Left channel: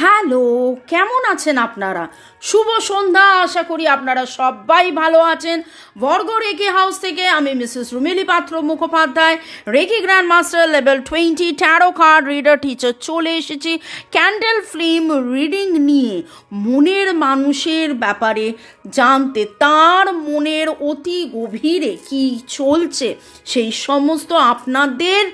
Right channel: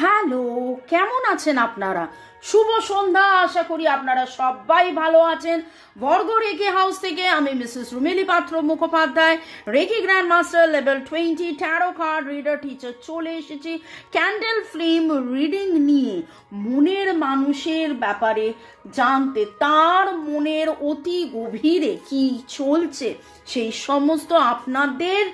Hello, কেমন আছেন আপনারা? শুভ সন্ধ্যা। আশা করি আপনারা সবাই ভালো আছেন। বর্গ রেকি হাউস থেকে আমি Mrs Rumili Patra Mukhopadhyay, reiki grand master level 20 tarot card reader teacher চলে এসেছি ক্যান্ডেল ফ্লেম রিডিং নিয়ে মনের মানুষের ব্যাপারে জানতে, তার মনের অতি গভীরে কি চলছে সেই সমস্ত আপনাদের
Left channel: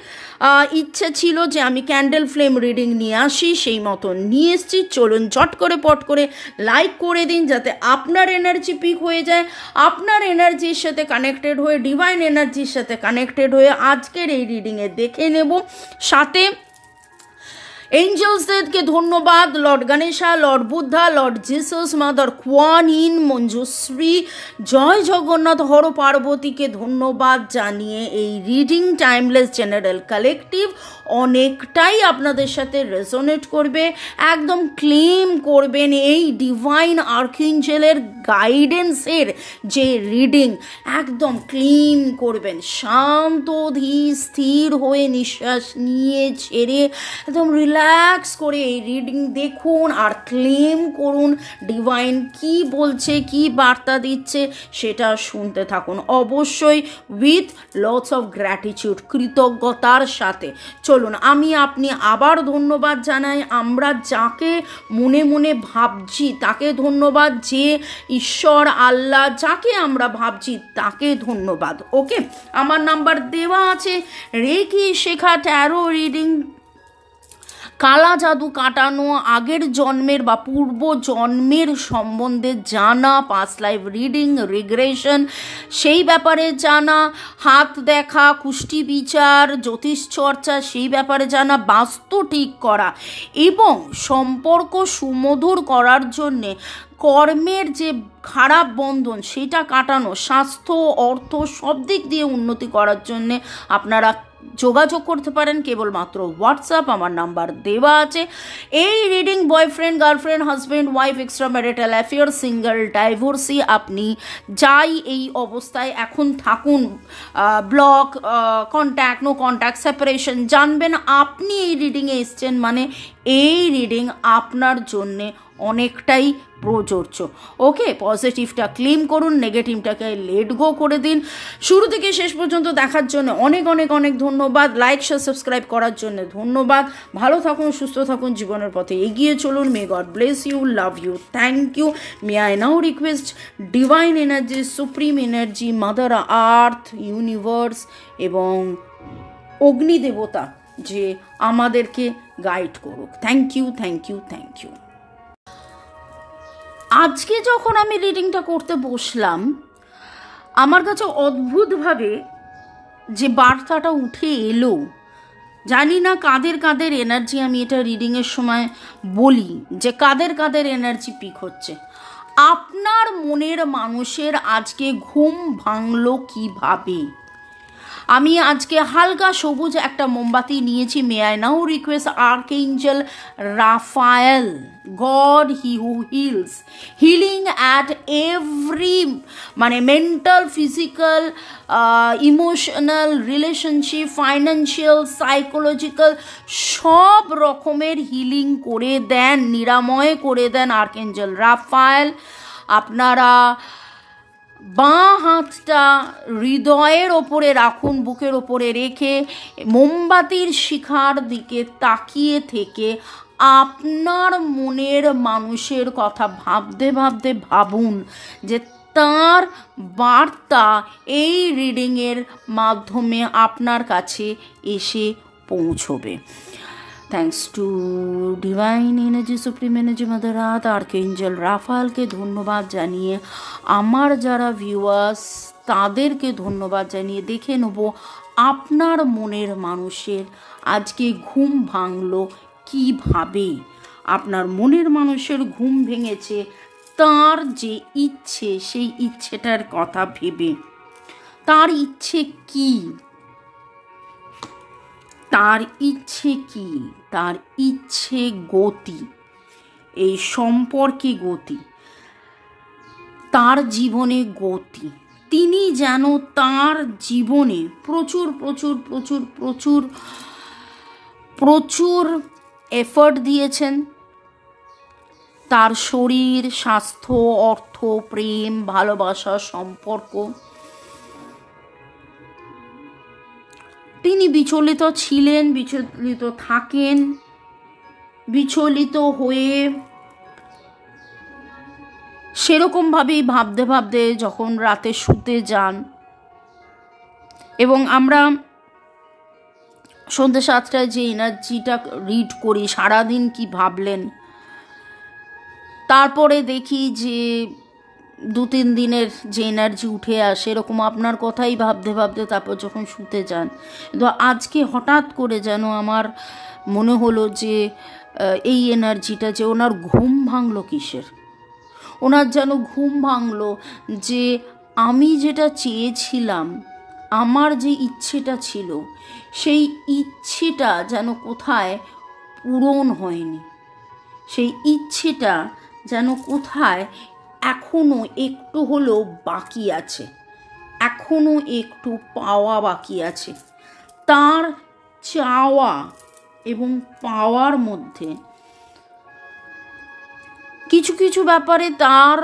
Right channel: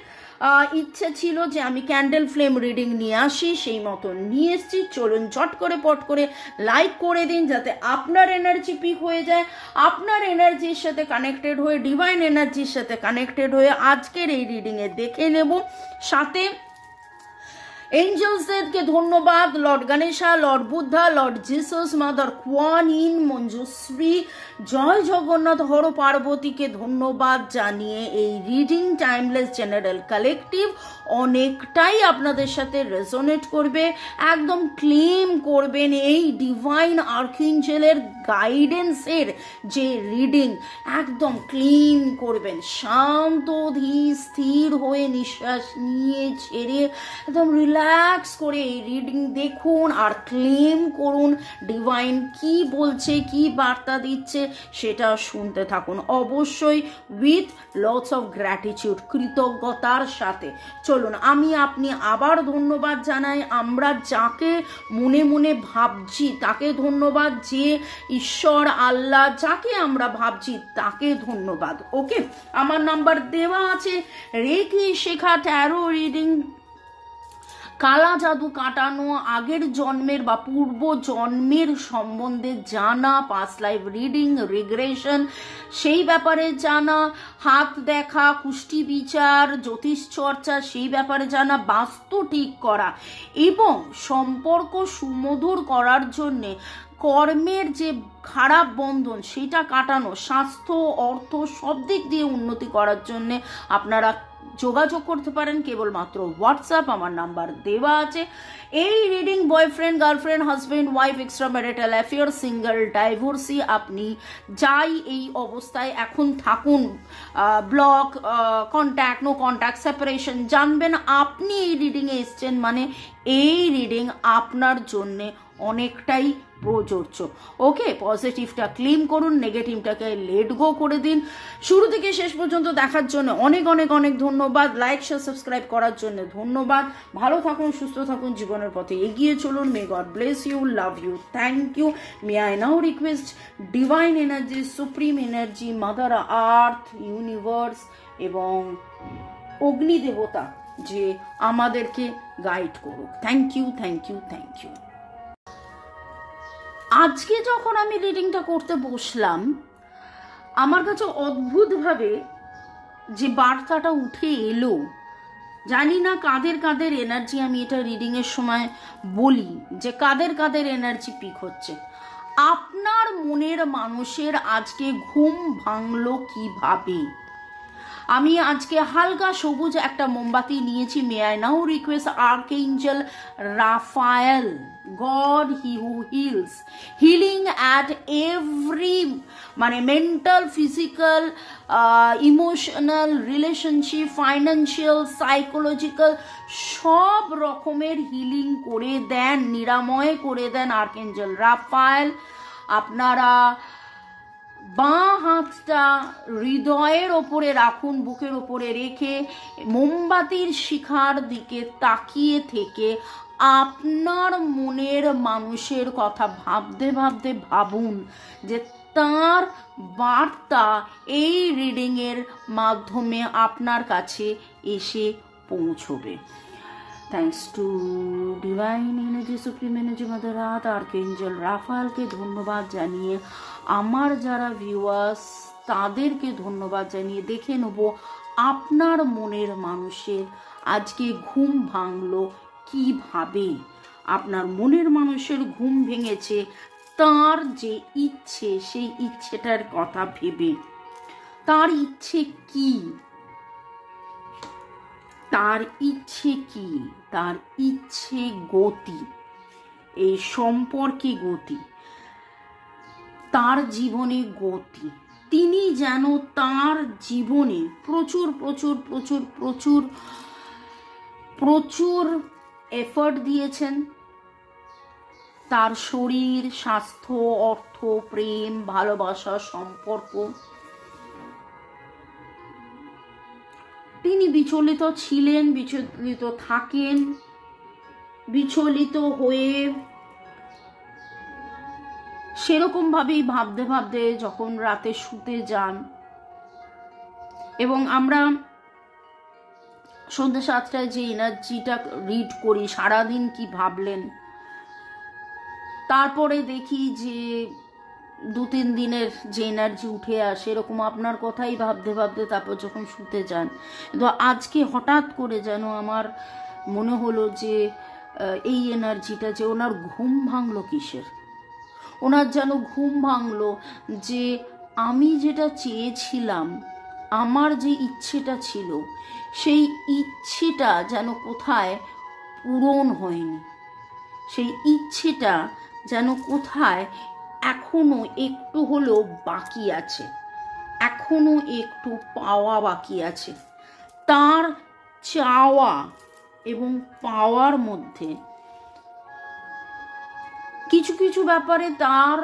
ইচ্ছে ছিল যে আমি ক্যান্ডেল ফ্লেম রিডিং নিয়ে আসি, সেই মতো নিয়ে এসছি। চলুন ঝট করে পট করে লাইক করে দিন যাতে আপনার এনার্জি পিক হয়ে যায়, আপনার এনার্জির সাথে কানেক্টেড হয়ে, ডিভাইন এনার্জির সাথে কানেক্টেড হয়ে আজকের এই রিডিংয়ে দেখে নেব। সাথে এঞ্জেলসদেরকে ধন্যবাদ, lord Ganesha, lord Buddha, lord Jesus, mother Kuan Yin, Manjushri, জয় জগন্নাথ, হর পার্বতীকে ধন্যবাদ জানিয়ে এই রিডিং টাইমলেস জেনারেল কালেকটিভ অনেকটাই আপনাদের সাথে রেজোনেট করবে। একদম ক্লেম করবেন এই ডিভাইন আর্কএঞ্জেলের গাইডেন্সের যে রিডিং, একদম ক্লেম করবেন। শান্ত ধীর স্থির হয়ে নিঃশ্বাস নিয়ে ছেড়ে একদম রিল্যাক্স করে এই রিডিং দেখুন আর ক্লেম করুন। ডিভাইন কি বলছে, কি বার্তা দিচ্ছে সেটা শুনতে থাকুন, অবশ্যই উইথ লটস অফ গ্র্যাটিটিউড, কৃতজ্ঞতার সাথে। চলুন আমি আপনি আবার ধন্যবাদ জানাই। আমরা যাকে মনে মনে ভাবছি তাকে ধন্যবাদ, যে ঈশ্বর আল্লাহ যাকে আমরা ভাবছি তাকে ধন্যবাদ। ওকে, আমার নাম্বার দেওয়া আছে। রেকি শেখা, ট্যারো রিডিং, কালা জাদু কাটানো, আগের জন্মের বা পূর্ব জন্মের সম্বন্ধে জানা, পাস্ট লাইফ রিডিং, রিগ্রেশন সেই ব্যাপারে জানা, হাত দেখা, কুষ্টি বিচার, জ্যোতিষ চর্চা সেই ব্যাপারে জানা, বাস্তু ঠিক করা এবং সম্পর্ক সুমধুর করার জন্যে কর্মের যে খারাপ বন্ধন সেটা কাটানো, স্বাস্থ্য, অর্থ সব দিক দিয়ে উন্নতি করার জন্যে আপনারা যোগাযোগ করতে পারেন কেবলমাত্র হোয়াটসঅ্যাপ, আমার নাম্বার দেওয়া আছে। এই reading boyfriend, girlfriend, husband, wife, extra marital affair, single, divorcee, আপনি যাই এই অবস্থায় এখন থাকুন, block, contact, no contact, separation, জানবেন আপনি এই রিডিংয়ে এসছেন মানে এই রিডিং আপনার জন্যে অনেকটাই প্রযোজ্য। ওকে, পজিটিভটা ক্লেম করুন, নেগেটিভটাকে লেট গো করে দিন। শুরু থেকে শেষ পর্যন্ত দেখার জন্য অনেক অনেক অনেক ধন্যবাদ। লাইক, শেয়ার, সাবস্ক্রাইব করার জন্য ধন্যবাদ। ভালো থাকুন, সুস্থ থাকুন, জীবনের পথে এগিয়ে চলুন। May God bless you, love you, thank you. May I now request divine energy, supreme energy, mother earth, universe এবং অগ্নিদেবতা যে আমাদেরকে গাইড করুক। Thank you, thank you, thank you. আজকে যখন আমি রিডিংটা করতে বসলাম, আমার কাছে অদ্ভুতভাবে যে বার্তাটা উঠে এলো, জানি না কাদের কাদের এনার্জি, আমি এটা রিডিংয়ের সময় বলি যে কাদের কাদের এনার্জি পিক হচ্ছে। আপনার মনের মানুষের আজকে ঘুম ভাঙলো কিভাবে? আমি আজকে হালকা সবুজ একটা মোমবাতি নিয়েছি। May I now request archangel Raphael, God he who heals, healing at every মানে mental, physical, emotional, relationship, financial, psychological সব রকমের হিলিং করে দেন, নিরাময় করে দেন আর্কএঞ্জেল রাফায়েল। আপনারা বাঁ হাতটা হৃদয়ের ওপরে রাখুন, বুকের ওপরে রেখে মোমবাতির শিখার দিকে তাকিয়ে থেকে আপনার মনের মানুষের কথা ভাবতে ভাবতে ভাবুন যে তার বার্তা এই রিডিংয়ের মাধ্যমে আপনার কাছে এসে পৌঁছবে। Thanks to divine energy, supreme energy, mother earth, archangel রাফায়েলকে ধন্যবাদ জানিয়ে আমার যারা ভিউয়ার্স তাদেরকে ধন্যবাদ জানিয়ে দেখে নেব আপনার মনের মানুষের আজকে ঘুম ভাঙলো কিভাবে। আপনার মনের মানুষের ঘুম ভেঙেছে তার যে ইচ্ছে, সেই ইচ্ছেটার কথা ভেবে। তার ইচ্ছে কি? তার ইচ্ছে কি? তার ইচ্ছে গতি, এই সম্পর্কে গতি, তার জীবনে গতি। তিনি যেন তার জীবনে প্রচুর প্রচুর প্রচুর প্রচুর প্রচুর এফর্ট দিয়েছেন, তার শরীর, স্বাস্থ্য, অর্থ, প্রেম, ভালোবাসা, সম্পর্ক। তিনি বিচলিত ছিলেন, বিচলিত থাকেন, বিচলিত হয়ে সেরকমভাবেই ভাবতে ভাবতে যখন রাতে শুতে যান, এবং আমরা সন্ধ্যে 7টায় যে এনার্জিটা রিড করি সারাদিন কি ভাবলেন, তারপরে দেখি যে 2-3 দিনের যে এনার্জি উঠে আসে, এরকম আপনার কথাই ভাবতে ভাবতে তারপর যখন শুতে যান। তো আজকে হঠাৎ করে যেন আমার মনে হলো যে এই এনার্জিটা, যে ওনার ঘুম ভাঙলো কিসের, ওনার যেন ঘুম ভাঙলো যে আমি যেটা চেয়েছিলাম, আমার যে ইচ্ছেটা ছিল, সেই ইচ্ছেটা যেন কোথায় পূরণ হয়নি, সেই ইচ্ছেটা যেন কোথায় এখনো একটু হলেও বাকি আছে, এখনো একটু পাওয়া বাকি আছে। তার চাওয়া এবং পাওয়ার মধ্যে কিছু কিছু ব্যাপারে তার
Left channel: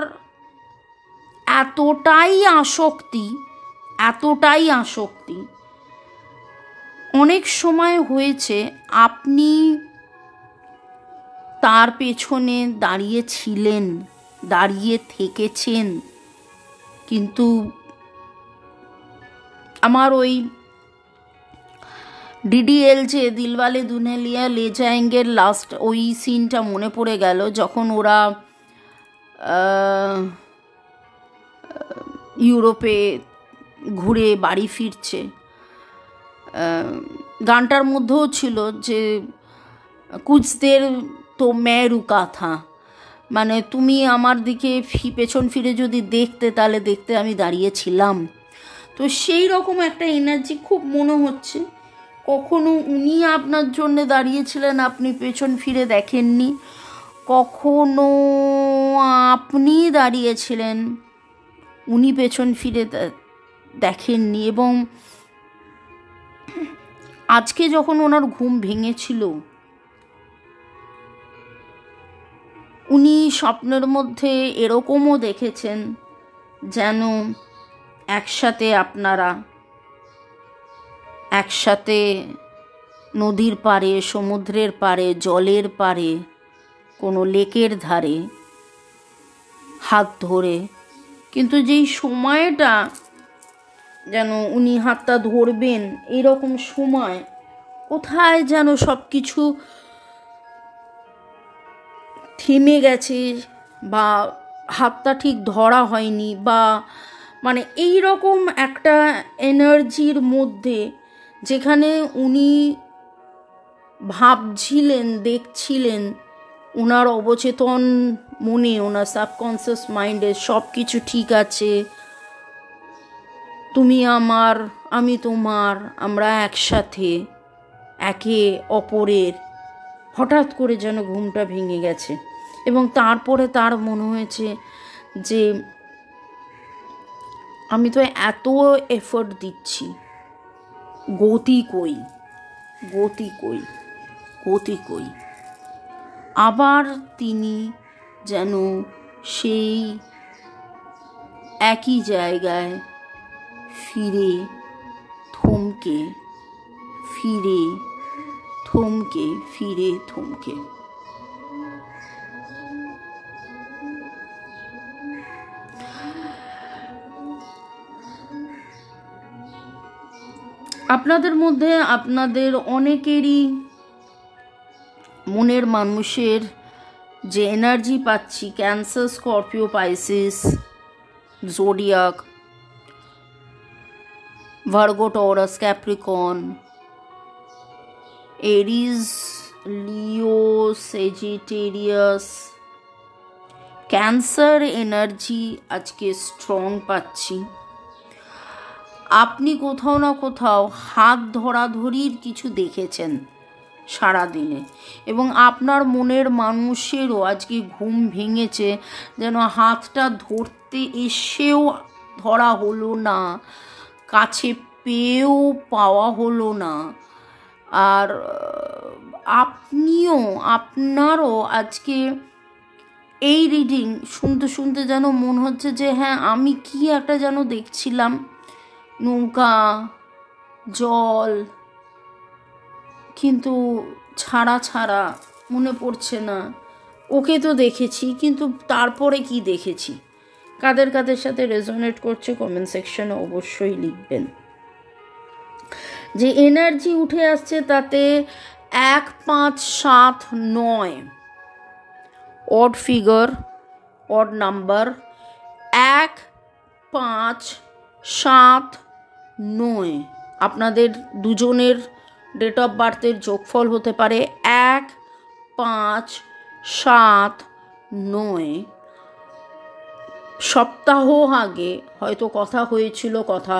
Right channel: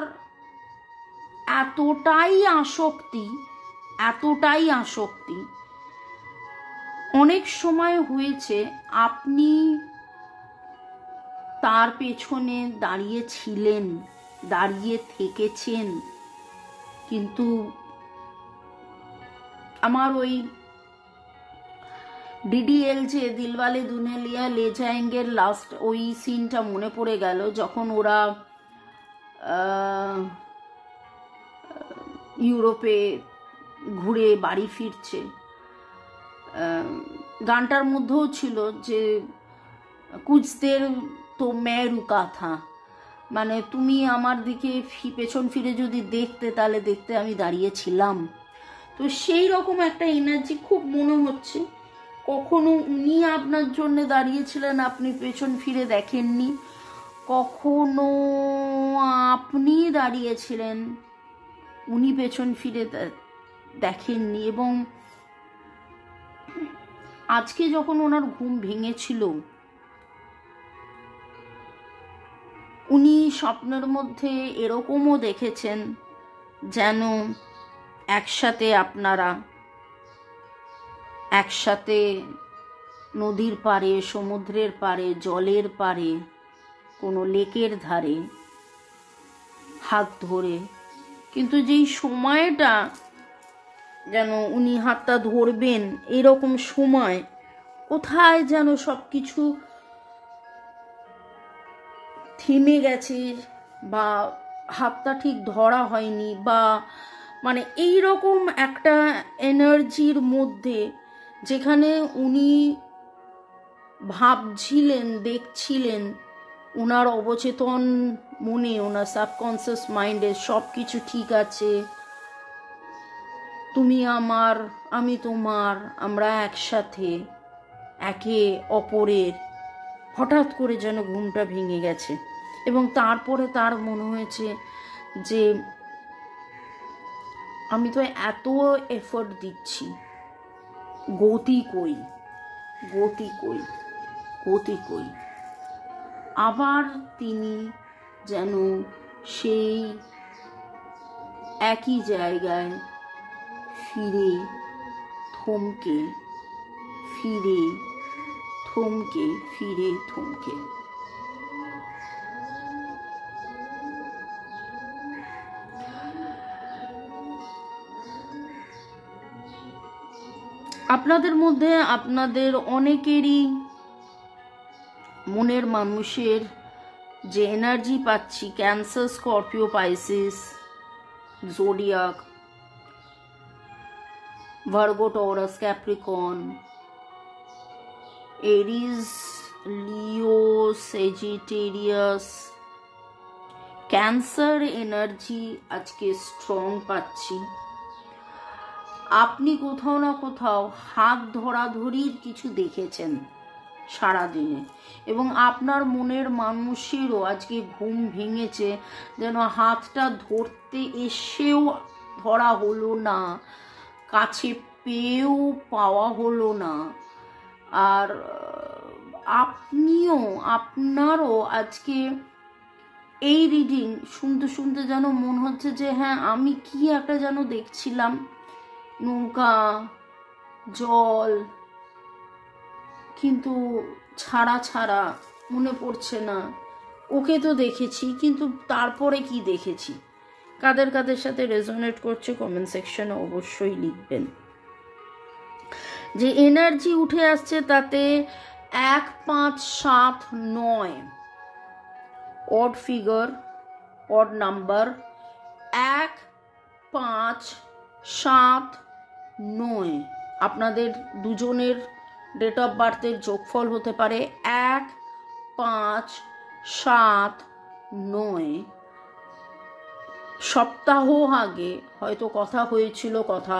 এতটাই আসক্তি অনেক সময় হয়েছে আপনি তার পেছনে দাঁড়িয়েছিলেন, দাঁড়িয়ে থেকেছেন, কিন্তু আমার ওই ডিডিএল যে দিলওয়ালে দুলহানিয়া লে জায়েঙ্গের লাস্ট ওই সিনটা মনে পড়ে গেল, যখন ওরা ইউরোপে ঘুরে বাড়ি ফিরছে। গানটার মধ্যেও ছিল যে কুছ দের তো মে রুকা থা, মানে তুমি আমার দিকে পেছন ফিরে যদি দেখতে, তাহলে দেখতে আমি দাঁড়িয়েছিলাম। তো সেই রকম একটা এনার্জি খুব মনে হচ্ছে। কখনো উনি আপনার জন্য দাঁড়িয়েছিলেন, আপনি পেছন ফিরে দেখেননি, কখনো আপনি দাঁড়িয়েছিলেন, উনি পেছন ফিরে দেখেননি। এবং আজকে যখন ওনার ঘুম ভেঙেছিল, উনি স্বপ্নের মধ্যে এরকমও দেখেছেন যেন একসাথে আপনারা একসাথে নদীর পাড়ে, সমুদ্রের পাড়ে, জলের পাড়ে, কোনো লেকের ধারে হাত ধরে, কিন্তু যেই সময়টা যেন উনি হাতটা ধরবেন, এরকম সময় কোথায় যেন সব কিছু থেমে গেছে, বা হাতটা ঠিক ধরা হয়নি, বা মানে এই রকম একটা এনার্জির মধ্যে, যেখানে উনি ভাবছিলেন, দেখছিলেন, ওনার অবচেতন মনে, ওনার সাবকনসিয়াস মাইন্ডে সব কিছু ঠিক আছে, তুমি আমার, আমি তোমার, আমরা একসাথে, একে অপরের। হঠাৎ করে যেন ঘুমটা ভেঙে গেছে, এবং তারপরে তার মনে হয়েছে যে আমি তো এত এফোর্ট দিচ্ছি, গতি কই, গতি কই, গতি কই। আবার তিনি যেন সেই একই জায়গায় ফিরে থমকে, ফিরে থমকে, ফিরে থমকে। আপনাদের মধ্যে আপনাদের অনেকেরই মনের মানুষের যে এনার্জি পাচ্ছি, Cancer, Scorpio, Pisces, zodiac, Virgo, Taurus, Capricorn, Aries, Leo, Sagittarius, Cancer energy আজকে স্ট্রং পাচ্ছি। আপনি কোথাও না কোথাও হাত ধরাধরির কিছু দেখেছেন সারাদিনে, এবং আপনার মনের মানুষেরও আজকে ঘুম ভেঙেছে, যেন হাতটা ধরতে এসেও ধরা হলো না, কাছে পেয়েও পাওয়া হলো না। আর আপনারও আজকে এই রিডিং শুনতে শুনতে যেন মনে হচ্ছে যে হ্যাঁ আমি কি একটা যেন দেখছিলাম, নৌকা, জল, কিন্তু ছাড়া ছাড়া মনে পড়ছে না। ওকে তো দেখেছি, কিন্তু তারপরে কি দেখেছি? কাদের কাদের সাথে রেজোনেট করছে কমেন্ট সেকশনে অবশ্যই লিখবেন। যে এনার্জি উঠে আসছে তাতে 1, 5, 7, 9 অড ফিগার, অড নাম্বার। 1, 5, 7, 9 আপনাদের দুজনের ডেট অফ বার্থের যোগফল হতে পারে 1, 5, 7, 9। সপ্তাহ আগে হয়তো কথা হয়েছিল, কথা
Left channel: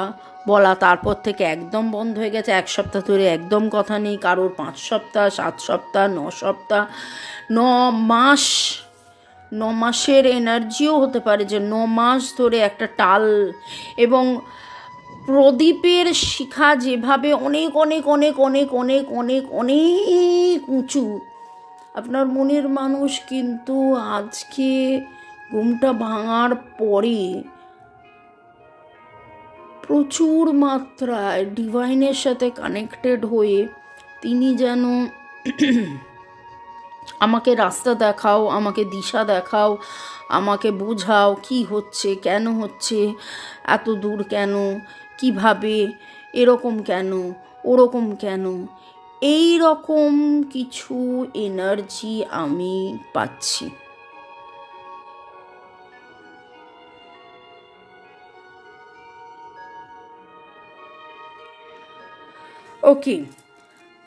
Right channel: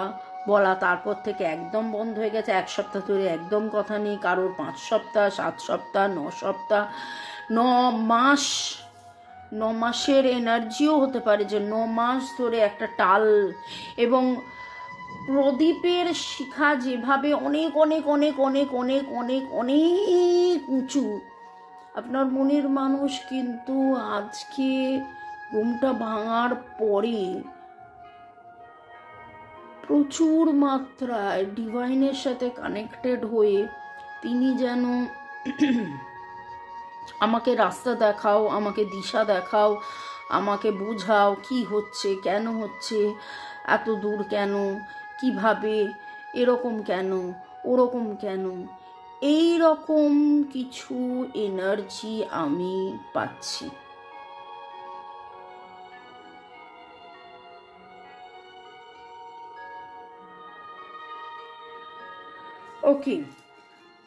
বলা, তারপর থেকে একদম বন্ধ হয়ে গেছে। 1 সপ্তাহ ধরে একদম কথা নেই কারোর, 5 সপ্তাহ, 7 সপ্তাহ, 9 সপ্তাহ, 9 মাস। 9 মাসের এনার্জিও হতে পারে, যে 9 মাস ধরে একটা টাল। এবং প্রদীপের শিখা যেভাবে অনেক অনেক অনেক অনেক অনেক অনেক অনেক উঁচু, আপনার মনের মানুষ কিন্তু আজকে ঘুমটা ভাঙার পরে প্রচুর মাত্রায় ডিভাইনের সাথে কানেক্টেড হয়ে তিনি যেন আমাকে রাস্তা দেখাও, আমাকে দিশা দেখাও, আমাকে বোঝাও কি হচ্ছে, কেন হচ্ছে, এত দূর কেন, কিভাবে, এরকম কেন, ওরকম কেন, এই রকম কিছু এনার্জি আমি পাচ্ছি। ওকে,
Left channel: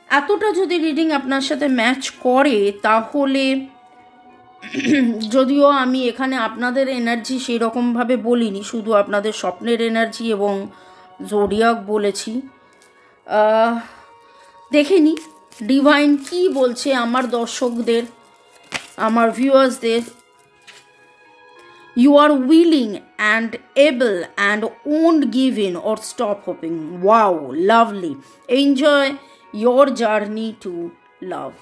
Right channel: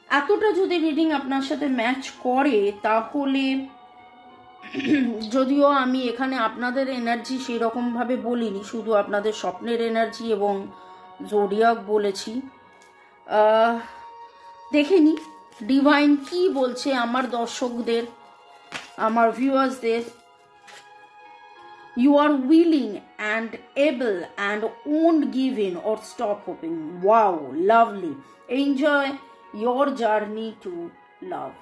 এতটা যদি রিডিং আপনার সাথে ম্যাচ করে তাহলে, যদিও আমি এখানে আপনাদের এনার্জি সেই রকমভাবে বলিনি, শুধু আপনাদের স্বপ্নের এনার্জি এবং জোডিয়াক বলেছি, দেখে নি ডিভাইন কি বলছে আমার দর্শকদের, আমার ভিউয়ার্সদের। You are willing and able and won't give in or stop hoping. Wow, lovely. Enjoy your journey to love.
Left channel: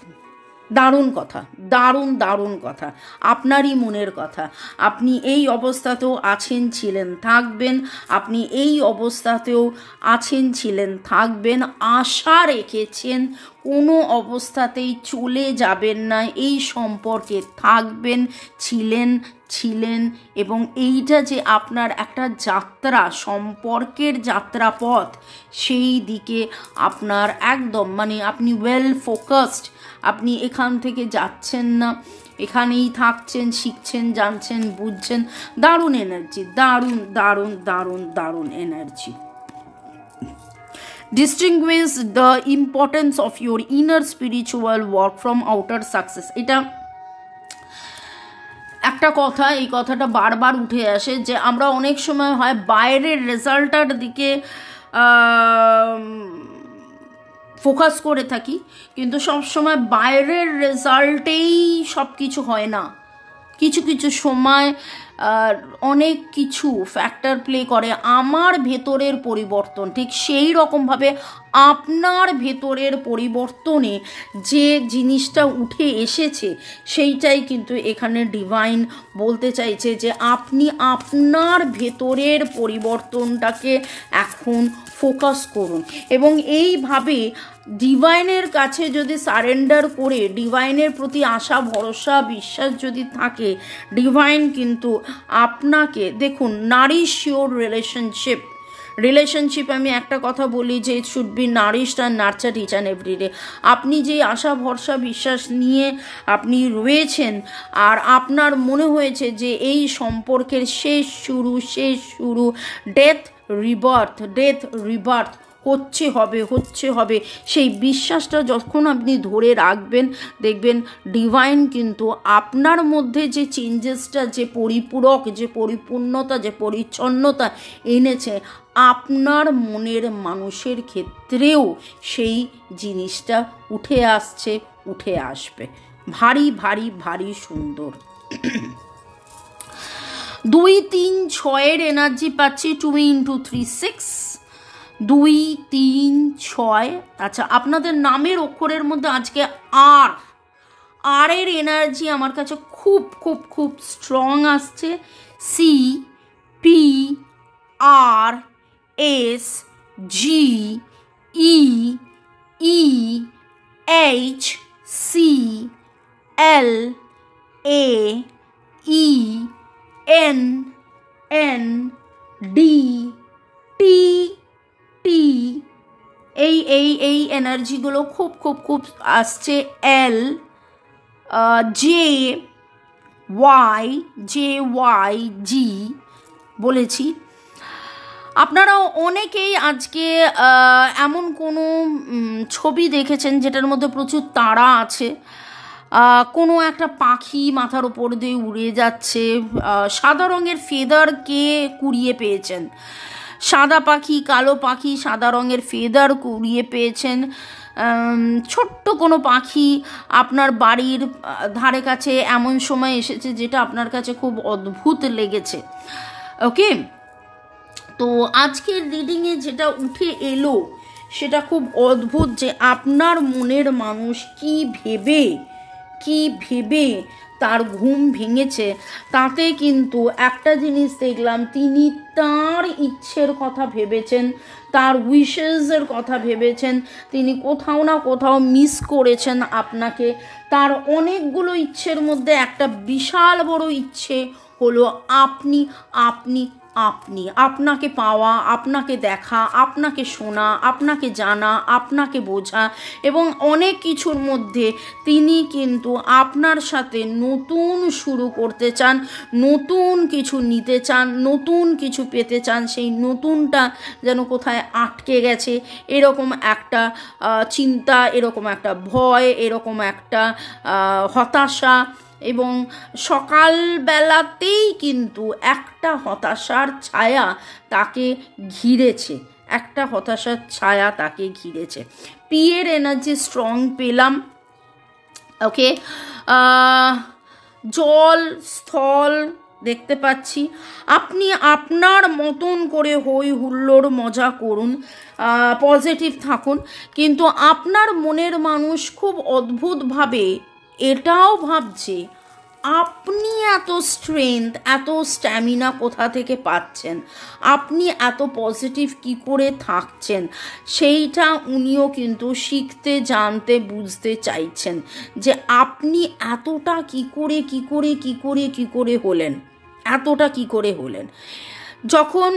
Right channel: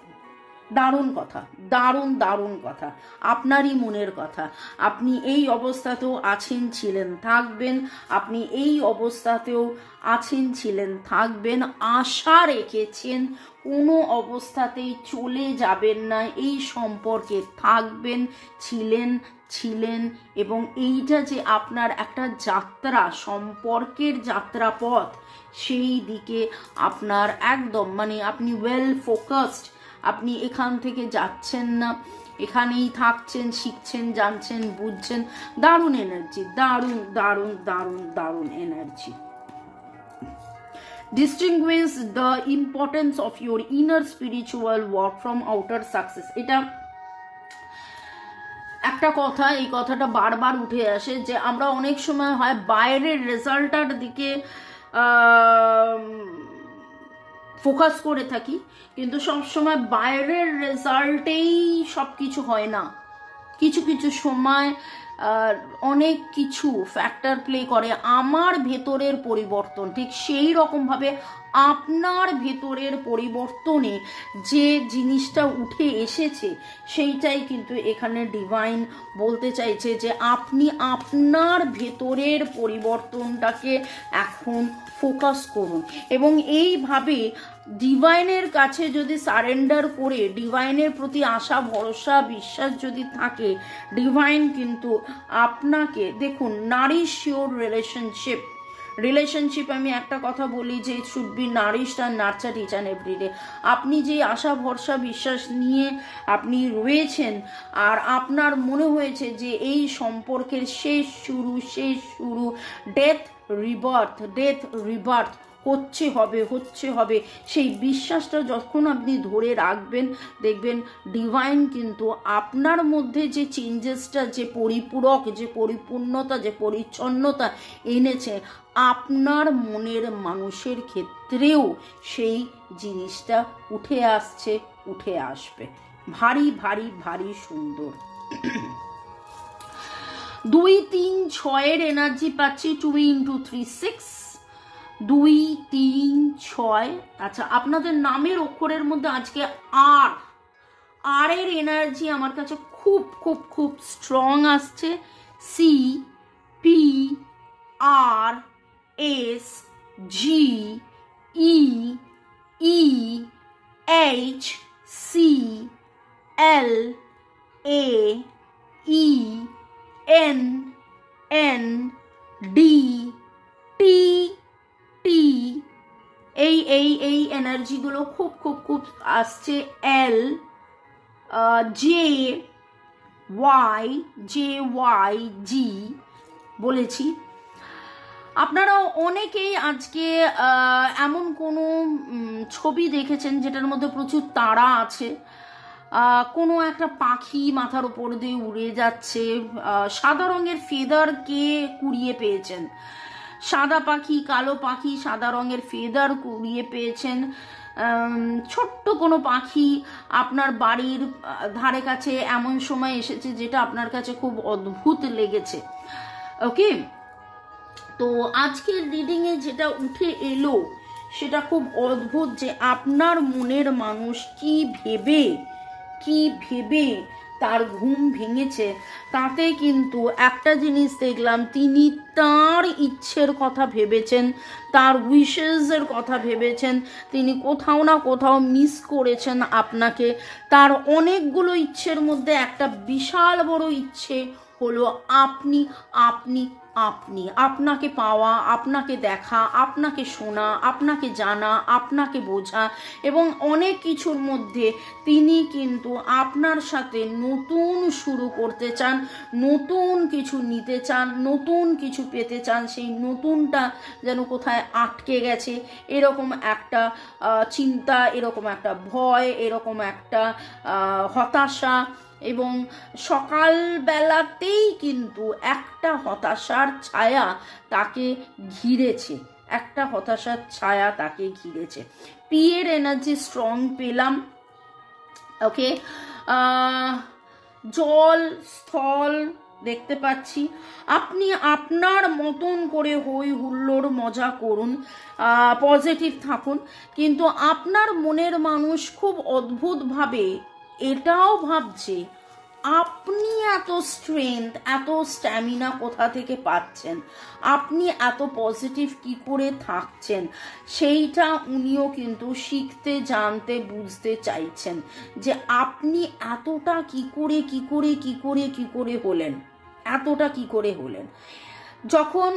দারুণ কথা, দারুণ দারুণ কথা, আপনারই মনের কথা। আপনি এই অবস্থাতেও আছেন, ছিলেন, থাকবেন। আপনি এই অবস্থাতেও আছেন, ছিলেন, থাকবেন। আশা রেখেছেন কোনো অবস্থাতেই চলে যাবেন না, এই সম্পর্কে থাকবেন, ছিলেন। এবং এইটা যে আপনার একটা যাত্রা, সম্পর্কের যাত্রাপথ, সেই দিকে আপনার একদম আপনি ওয়েল ফোকাসড। আপনি এখান থেকে যাচ্ছেন না, এখানেই থাকছেন, শিখছেন, জানছেন, বুঝছেন। দারুণ এনার্জি, দারুণ দারুণ দারুণ দারুণ energy. Distinguish the importance of your inner spiritual work from outer success. এটা একটা কথা, এই কথাটা বারবার উঠে আসে যে আমরা অনেক সময় হয় বাইরের রেজাল্টটার দিকে ফোকাস করে থাকি, কিন্তু সবসময় বাইরের রেজাল্টেই সব কিছু হয় না। কিছু কিছু সময় অনেক কিছু ফ্যাক্টর প্লে করে। আমার ভেতরের পরিবর্তন, ঠিক সেই রকমভাবে আপনার ভেতরের পরিবর্তনে যে জিনিসটা উঠে এসেছে সেইটাই কিন্তু এখানে ডিভাইন বলতে চাইছে, যে আপনি আপনার ভেতরের পরিবর্তনটাকে এখন ফোকাস করুন। এবং এইভাবে ডিভাইনের কাছে যদি সারেন্ডার করে, ডিভাইনের প্রতি আশা, ভরসা, বিশ্বাস যদি থাকে, ডিভাইন কিন্তু আপনাকে, দেখুন, নারিশ ইওর রিলেশনশিপ আমি একটা কথা বলি যে it should be nourished and nurtured each and everyday. আপনি যে আশা, ভরসা, বিশ্বাস নিয়ে আপনি রয়েছেন, আর আপনার মনে হয়েছে যে এই সম্পর্কের শেষ শুরু, ডেথ রিবার্থ হচ্ছে হবে, সেই বিশ্বাসটা যখন আপনি ধরে রাখবেন, দেখবেন ডিভাইন কিন্তু আপনার মধ্যে যে চেঞ্জেসটা, যে পরিপূরক, যে পরিপূর্ণতা, যে পরিচ্ছন্নতা এনেছে, আপনার মনের মানুষের ক্ষেত্রেও সেই জিনিসটা উঠে আসবে। ভারী ভারী ভারী সুন্দর। 2, 3, 6 এনার্জি পাচ্ছি। 2 × 3, 6, 2, 3, 6। আচ্ছা, আপনাদের নামের অক্ষরের মধ্যে আজকে আর এর এনার্জি আমার কাছে খুব খুব খুব স্ট্রং আসছে। C P R S G E E H C L A E N N D T T, এই এনার্জিগুলো খুব খুব খুব আসছে। এল জে ওয়াই জি বলেছি। আপনারা অনেকেই আজকে এমন কোনো ছবি দেখেছেন যেটার মধ্যে প্রচুর তারা আছে, কোনো একটা পাখি মাথার ওপর দিয়ে উড়ে যাচ্ছে, সাদা রঙের ফেদারকে কুড়িয়ে পেয়েছেন, সাদা পাখি কালো পাখি সাদা রঙের ফেদার কুড়িয়ে পেয়েছেন। ছোট্ট কোনো পাখি আপনার বাড়ির ধারে কাছে এমন সময় এসেছে যেটা আপনার কাছে খুব অদ্ভুত লেগেছে। ওকে, তো আজকের রিডিংয়ে যেটা উঠে এলো সেটা খুব অদ্ভুত, যে আপনার মনের মানুষ কি ভেবে তার ঘুম ভেঙেছে, তাতে কিন্তু একটা জিনিস দেখলাম, তিনি তার ইচ্ছের কথা ভেবেছেন, তার উইশেসের কথা ভেবেছেন, তিনি কোথাও না কোথাও মিস করেছেন আপনাকে। তার অনেকগুলো ইচ্ছের মধ্যে একটা বিশাল বড় ইচ্ছে হলো আপনাকে পাওয়া, আপনাকে দেখা, আপনাকে শোনা, আপনাকে জানা, আপনাকে বোঝা, এবং অনেক কিছুর মধ্যে তিনি কিন্তু আপনার সাথে নতুন শুরু করতে চান, নতুন কিছু নিতে চান, নতুন কিছু পেতে চান। সেই নতুনটা যেন কোথায় আটকে গেছে, এরকম একটা চিন্তা, এরকম একটা ভয়, এরকম একটা হতাশা, এবং সকালবেলাতেই কিন্তু একটা হতাশার ছায়া তাকে ঘিরেছে, পি এর এনার্জি স্ট্রং পেলাম। ওকে, জল স্থল দেখতে পাচ্ছি। আপনি আপনার মতন করে হই হুল্লোড় মজা করুন, পজিটিভ থাকুন, কিন্তু আপনার মনের মানুষ খুব অদ্ভুতভাবে এটাও ভাবছে আপনি এত স্ট্রেংথ, এত স্ট্যামিনা কোথা থেকে পাচ্ছেন, আপনি এত পজিটিভ কি করে থাকছেন, সেইটা উনিও কিন্তু শিখতে, জানতে, বুঝতে চাইছেন, যে আপনি এতটা কি করে হলেন, এতটা কি করে হলেন। যখন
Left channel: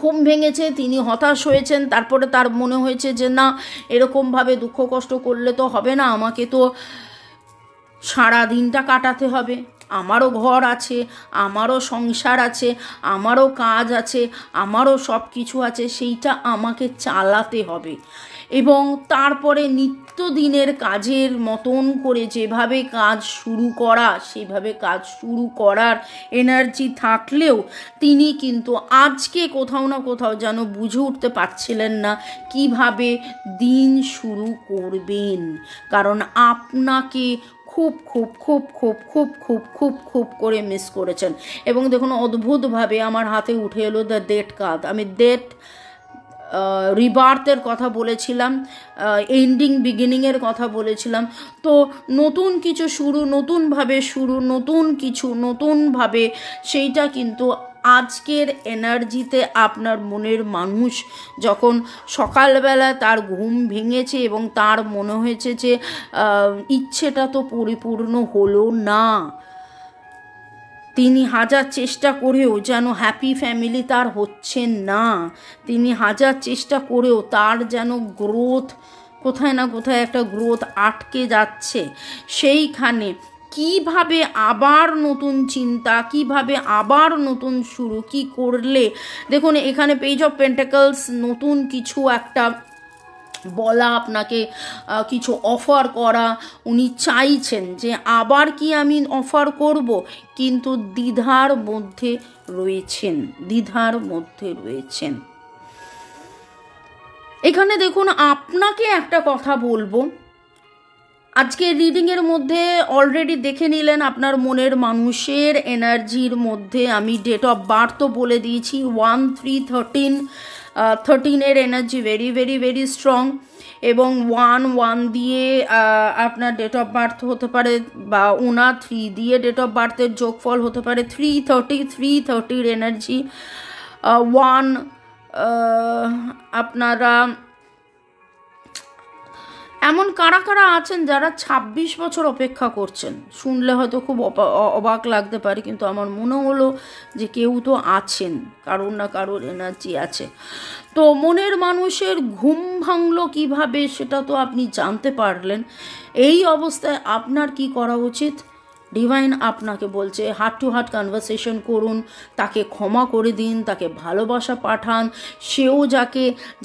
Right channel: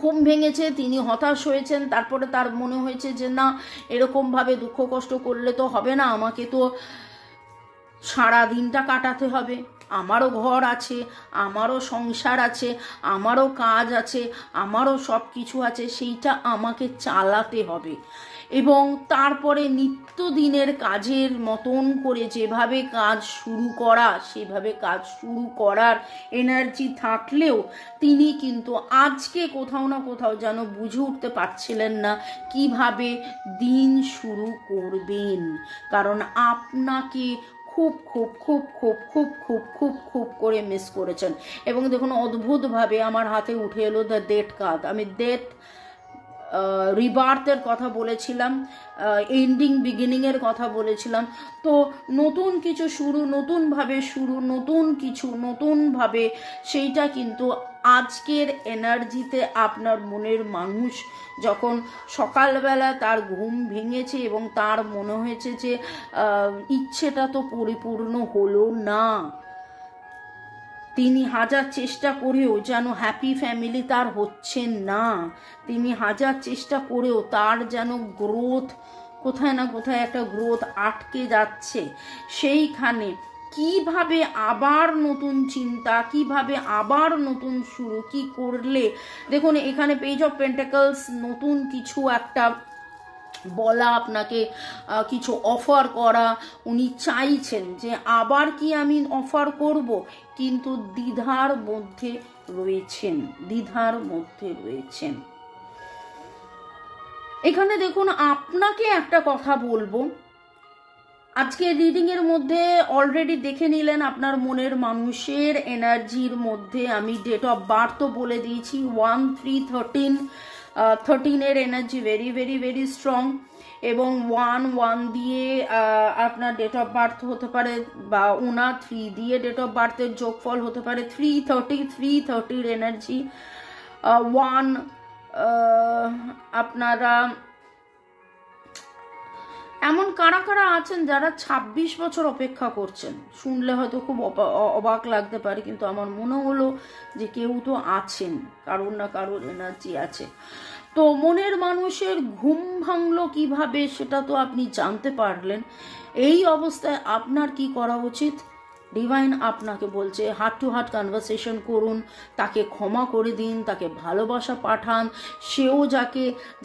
ঘুম ভেঙেছে, তিনি হতাশ হয়েছেন, তারপরে তার মনে হয়েছে যে না, এরকমভাবে দুঃখ কষ্ট করলে তো হবে না, আমাকে তো সারা দিনটা কাটাতে হবে, আমারও ঘর আছে, আমারও সংসার আছে, আমারও কাজ আছে, আমারও সব কিছু আছে, সেইটা আমাকে চালাতে হবে। এবং তারপরে নিত্যদিনের কাজের মতন করে যেভাবে কাজ শুরু করা, সেভাবে কাজ শুরু করার এনার্জি থাকলেও তিনি কিন্তু আজকে কোথাও না কোথাও যেন বুঝে উঠতে পারছিলেন না কিভাবে দিন শুরু করবেন, কারণ আপনাকে খুব খুব খুব খুব খুব খুব খুব খুব করে মিস করেছেন। এবং দেখুন, অদ্ভুতভাবে আমার হাতে উঠে এলো দ্য ডেথ কার্ড। আমি ডেথ রিবার্থের কথা বলেছিলাম, এন্ডিং বিগিনিংয়ের কথা বলেছিলাম। তো নতুন কিছু শুরু, নতুন কিছু নতুনভাবে, সেইটা কিন্তু আজকের এনার্জিতে আপনার মনের মানুষ যখন সকালবেলা তার ঘুম ভেঙেছে এবং তার মনে হয়েছে যে ইচ্ছেটা তো পরিপূর্ণ হলো না, তিনি হাজার চেষ্টা করেও যেন হ্যাপি ফ্যামিলি তার হচ্ছে না, তিনি হাজার চেষ্টা করেও তার যেন গ্রোথ, কোথায় না কোথায় একটা গ্রোথ আটকে যাচ্ছে, সেইখানে কিভাবে আবার নতুন চিন্তা, কিভাবে আবার নতুন শুরু, কি করলে, দেখুন এখানে পেজ অফ পেন্টাকলস, নতুন কিছু একটা বলা, আপনাকে কিছু অফার করা, উনি চাইছেন যে আবার কি আমি অফার করব, কিন্তু দ্বিধার মধ্যে রয়েছেন। এখানে দেখুন, আপনাকে একটা কথা বলবো, আজকে রিডিংয়ের মধ্যে অলরেডি দেখে নিলেন আপনার মনের মানুষের এনার্জির মধ্যে আমি ডেট অফ বার্থ বলে দিয়েছি, 1313 13 এর energy very very very strong. এবং 1 দিয়ে আপনার ডেট অফ বার্থ হতে পারে, বা 3 দিয়ে ডেট অফ বার্থের যোগফল হতে পারে 330 এনার্জি। 1 আপনারা এমন কারা কারা আছেন যারা 26 বছর অপেক্ষা করছেন? শুনলে হয়তো খুব অবাক লাগতে পারে, কিন্তু আমার মনে হলো যে কেউ তো আছেন, কারোর না কারোর এনার্জি আছে। তো মনের মানুষের ঘুম ভাঙলো কিভাবে সেটা তো আপনি জানতে পারলেন। এই অবস্থায় আপনার কি করা উচিত? ডিভাইন আপনাকে বলছে হার্ট টু হার্ট কনভারসেশন করুন, তাকে ক্ষমা করে দিন, তাকে ভালোবাসা পাঠান, সেও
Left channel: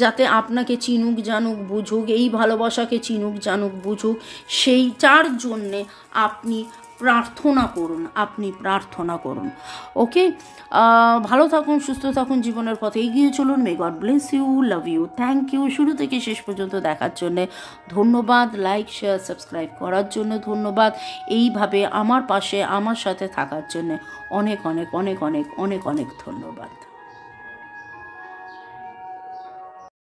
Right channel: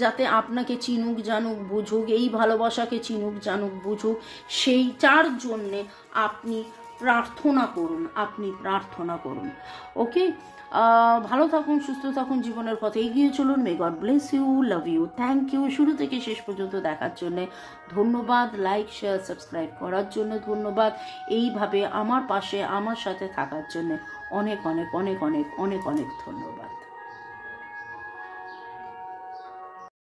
যাতে আপনাকে চিনুক জানুক বুঝুক, এই ভালোবাসাকে চিনুক জানুক বুঝুক, সেইটার জন্যে আপনি প্রার্থনা করুন। ওকে, ভালো থাকুন, সুস্থ থাকুন, জীবনের পথে এগিয়ে চলুন। May God bless you, love you, thank you. শুরু থেকে শেষ পর্যন্ত দেখার জন্যে ধন্যবাদ। লাইক, শেয়ার, সাবস্ক্রাইব করার জন্য ধন্যবাদ। এইভাবে আমার পাশে আমার সাথে থাকার জন্যে অনেক অনেক অনেক অনেক অনেক অনেক ধন্যবাদ।